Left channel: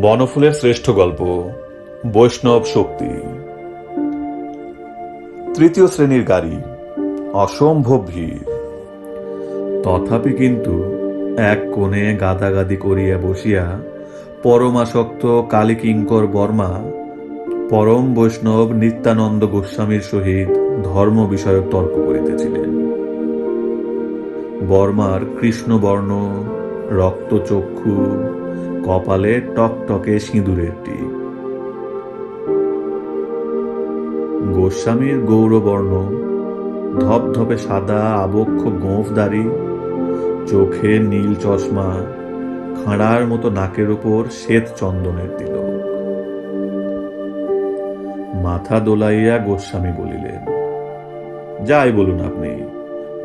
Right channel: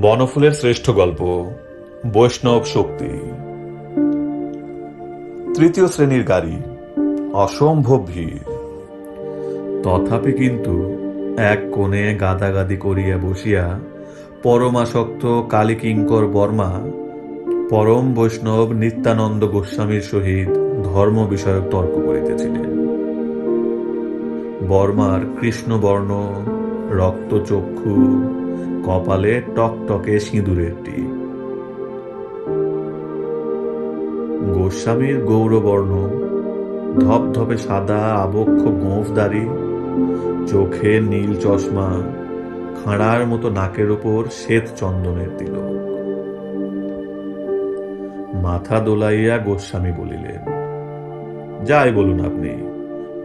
বনফুলের শ্রেষ্ঠ গল্প, বৈষ্ণব শক্তি। তৃতীয় শ্রেণির গাড়ি, অসম্ভব ভিড়। তথাপি কিন্তু এক কোণে গাদাগাদি করিয়া বসিয়া পরমাসক্ত কালীকিঙ্কর বর্মা, পরম বৈষ্ণব নিত্যানন্দ গোস্বামীর সহিত ধর্ম বিষয়ক তর্ক করিতেছিলেন। বর্মার কৃষ্ণবর্ণ, রক্তচক্ষু, কপালে টকটকে সিঁদুরের টিপ। গোস্বামীর গৌরবর্ণ, ধপধপে সাদা আবক্ষ গোঁফদারি চোখে নীল চশমা খাঁড়ার মতো নাকের উপর শ্বেত চন্দনের তিলক। মাথা দোলাইয়া গোস্বামী বলিলেন, যাই বলুন আপনি,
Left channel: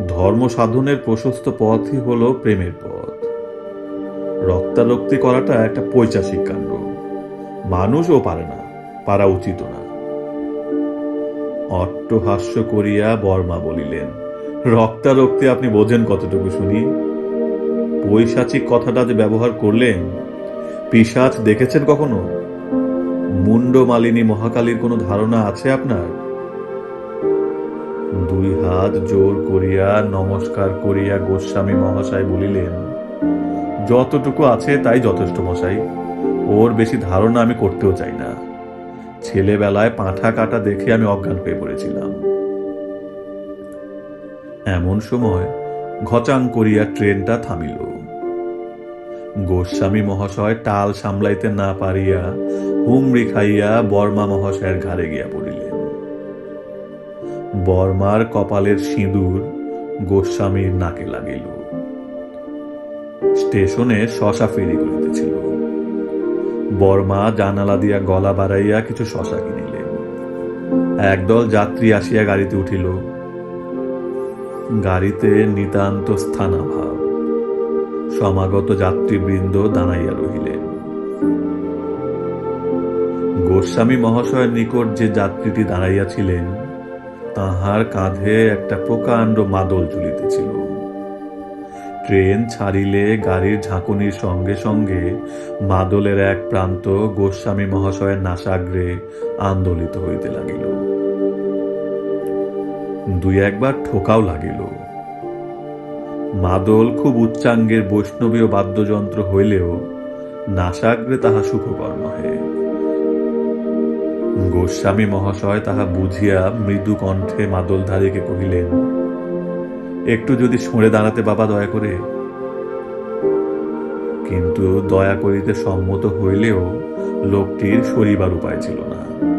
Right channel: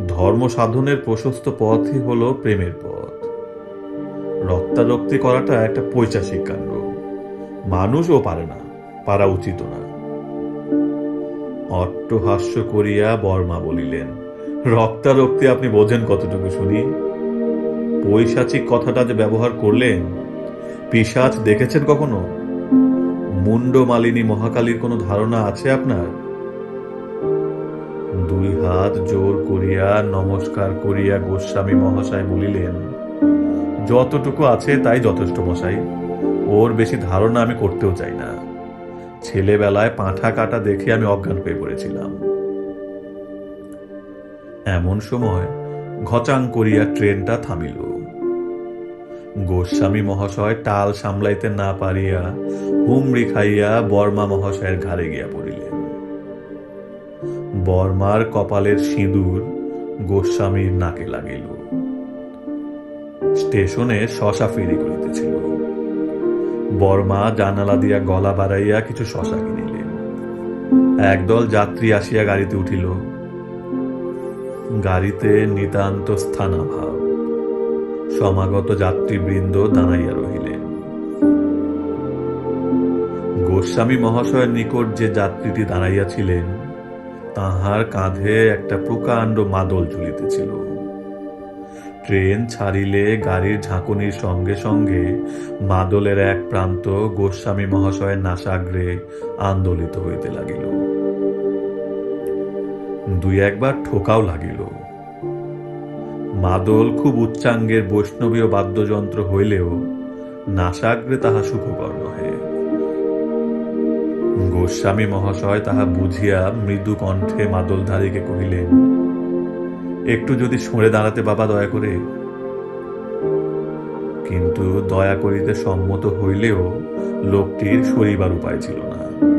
ধর্ম সাধনের প্রশস্ত পথই হলো প্রেমের পথ। রক্তারক্তি করাটা একটা পৈচাসিক কাণ্ড। মানুষও পারে না, পারা উচিত না। অট্টহাস্য করিয়া বর্মা বলিলেন, রক্তারক্তি আপনি বোঝেন কতটুকু শুনি? পৈশাচিক কথাটা যে ব্যবহার করলেন পিসাচ দেখেছেন কখনো? মুন্ড মালিনী মহাকালীর কোনো ধারণা আছে আপনার? দুই হাত জোর করিয়া নমস্কার করিয়া গোস্বামী মহাশয় বলিলেন, যতটুকু আছে তাই যথেষ্ট মশাই, ওর বেশি ধারণা আমি করতেও চাই না। ছেলেবেলায় পাঁঠা কাটা দেখে আমি অজ্ঞান হয়ে পড়েছিলাম। এমন সময় ঘচাং করিয়া ট্রেনটা থামিল। গোস্বামী মহাশয় টাল সামলাইতে না পারিয়া হুমড়ি খাইয়া বর্মা মহাশয়ের ঘাড়ে গিয়া পড়িলেন। বর্মার কপালের সিঁদুর গোস্বামীর নাকে লাগিল। স্টেশনে শশা ফেরি করিতেছিল। বর্মা জানালা দিয়া গলা বাড়াইয়া কিছু শশা কিনিলেন। একদল যাত্রী আসিয়া গাড়িতে উঠিল। গাড়িতে নিতান্ত স্থানাভাব। সমাগত যাত্রীবৃন্দ দাঁড়াইয়া রহিলেন। গোস্বামী মহাশয়ের নিকট যে যাত্রীটি দাঁড়াইয়াছিলেন, তাহার কাঁধে একটা প্রকাণ্ড মাদল ঝুলিতেছিল। ট্রেন ছাড়িলে গাড়ির ঝাঁকুনির সঙ্গে সঙ্গে মাদলের এক প্রান্ত গোস্বামী মহাশয়ের নাসাগ্রে আন্দোলিত হইতে লাগিল। দুই একবার ঠোকাও লাগিল। মাদল খুব উচ্চাঙ্গের বৈষ্ণবীয় বাদ্যযন্ত্র হইলেও নাসাগ্রে তাহা সুখকর নহে। গোস্বামী মহাশয় তাহা বুঝিয়া মৃদু কণ্ঠে মাদলধারীকে কহিলেন, একটু যদি সরে দাঁড়াতে বাবা দয়া করে। কিন্তু দয়া করিতে সম্মত হইলেও লোকটির সরিবার উপায় ছিল না।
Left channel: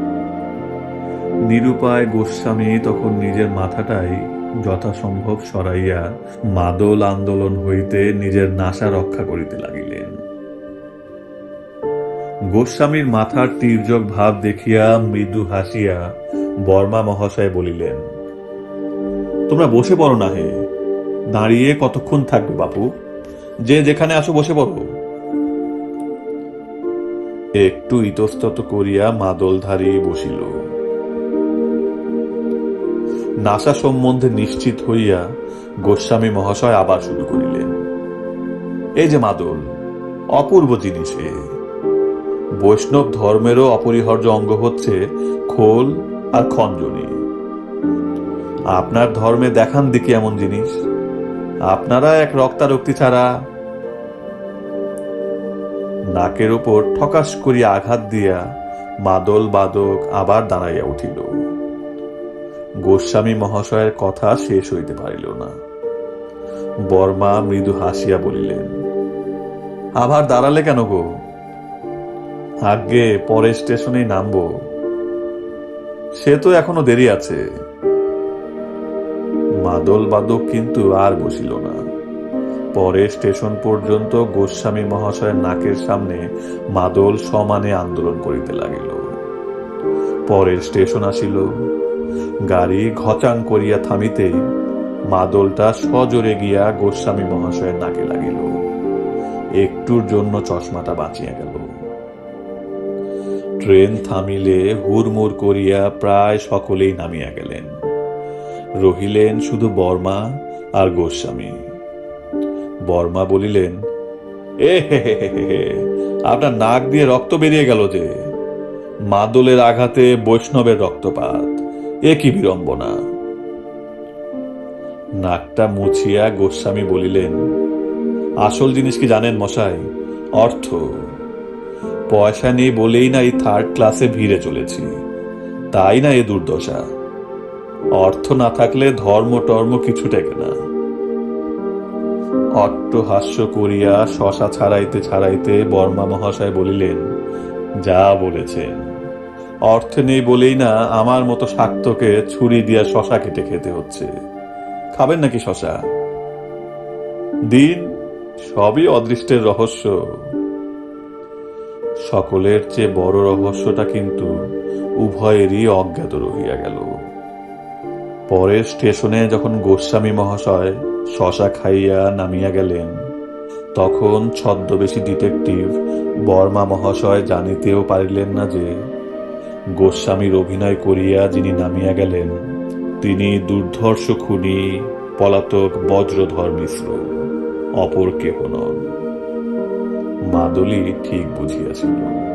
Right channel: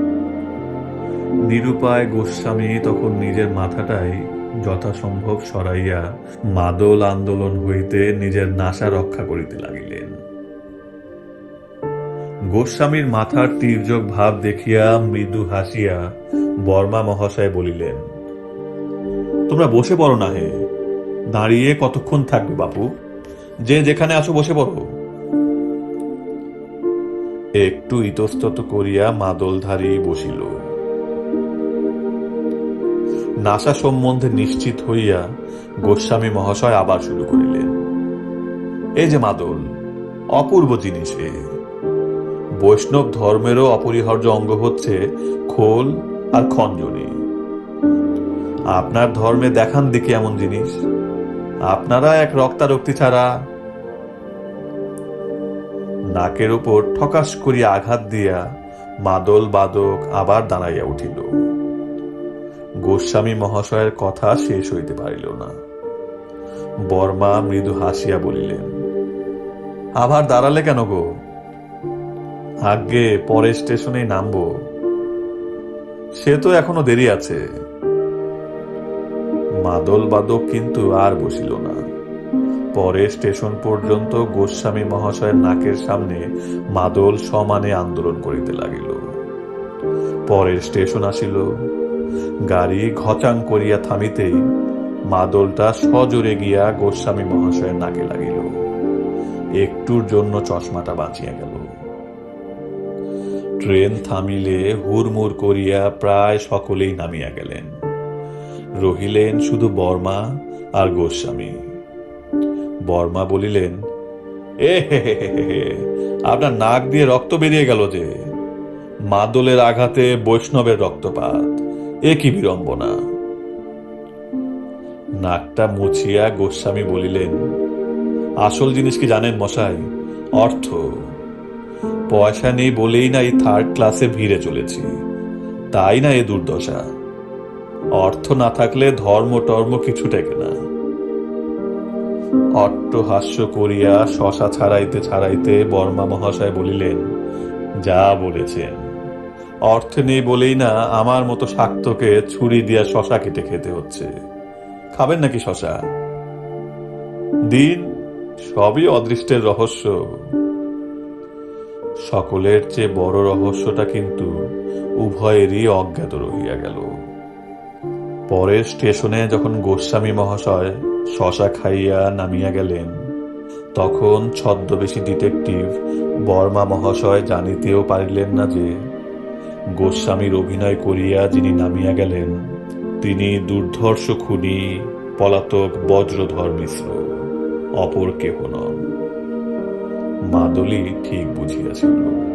নিরুপায় গোস্বামী তখন নিজের মাথাটাই যথাসম্ভব সরাইয়া মাদল আন্দোলন হইতে নিজের নাশা রক্ষা করিতে লাগিলেন। গোস্বামীর মাথার তীর্যক ভাব দেখিয়া মৃদু হাসিয়া বর্মা মহাশয় বলিলেন, তোমরা বসে পড়ো না হে, দাঁড়িয়ে কতক্ষণ থাকবে বাপু? যে যেখানে আসো বসে পড়ো। একটু ইতস্তত করিয়া মাদলধারী বসিল। নাসা সম্বন্ধে নিশ্চিত হইয়া গোস্বামী মহাশয় আবার শুরু করিলেন। এই যে মাদল, অপূর্ব জিনিস এ। বৈষ্ণব ধর্মেরও অপরিহার্য অঙ্গ হচ্ছে খোল আর খঞ্জনী। আপনার ধর্মে দেখান দেখি এমন জিনিস। আপনারা এক রক্তারক্তি ছাড়া নাকের উপর ঠকাশ করিয়া আঘাত দিয়া মাদল বাদক আবার দাঁড়াইয়া উঠিল। গোস্বামী মহাশয়ের কথা শেষ হইতে পারিল না। বর্মা মৃদু হাসিয়া বলিলেন আবার দাঁড়ালে কেন গো? আগে পরের স্টেশনেই নামবো। সে তো এখনও দেরি আছে। মাদল বাদক কিন্তু আর বসিল না। পরে স্টেশন পর্যন্ত গোস্বামী মহাশয়ের নাকের সামনে মাদল সমানে আন্দোলন করিতে লাগিল। পরের স্টেশন আসিল। গাড়ি ঘচাং করিয়া থামিতেই মাদলটা সজোরে গিয়া গোস্বামী মহাশয়ের নাকে লাগিল। একটুর জন্য চশমাটা বাঁচিয়া গেল। ট্রেন থামিলে হুড়মুড় করিয়া প্রায় সকলেই নামিয়া গেলেন। রহিলেন শুধু বর্মা আর গোস্বামী। বর্মা বলিলেন, এ হে হে হে হে, আপনার নাক দিয়ে রক্ত বেরিয়ে গেল যে। মাদলের আঘাতে বৈষ্ণবের রক্তপাত। এ কি বিড়ম্বনা। নাকটা মুছিয়া গোস্বামী বলিলেন, আসল জিনিস কি জানেন মশাই? অর্থ। পয়সা নেই বলেই না এই থার্ড ক্লাসে ভিড়ে চলেছি। তাই না এ দুর্দশা? অর্থ না থাকলে ধর্ম টর্ম কিছু টেকে না। অট্টহাস্য করিয়া শশা ছাড়াইতে ছাড়াইতে বর্মা মহাশয় বলিলেন, যা বলেছেন। অর্থ নেই বলেই না আমার মতো শাক্তকে ছুরি দিয়া শশা কেটে খেতে হচ্ছে। খাবেন নাকি শশা? দিন সবই অদৃষ্টের রহস্য। সকলের চেয়ে বড় রহস্যটা কিন্তু উভয়েরই অজ্ঞাত রহিয়া গেল। পরের স্টেশনে যখন গোস্বামী মহাশয় শশা খাইয়া নামিয়া গেলেন, তখন ছদ্মবেশী ডিটেকটিভ বর্মা মহাশয় জানিতেও পারিলেন না যে গোস্বামীর অভিনয় করিয়া যিনি নামিয়া গেলেন, তিনি দুর্ধর্ষ খুনি, পলাতক বজ্রধর মিশ্র, অপর কেহ নন। মাদলি ঠিক বুঝিয়াছিল।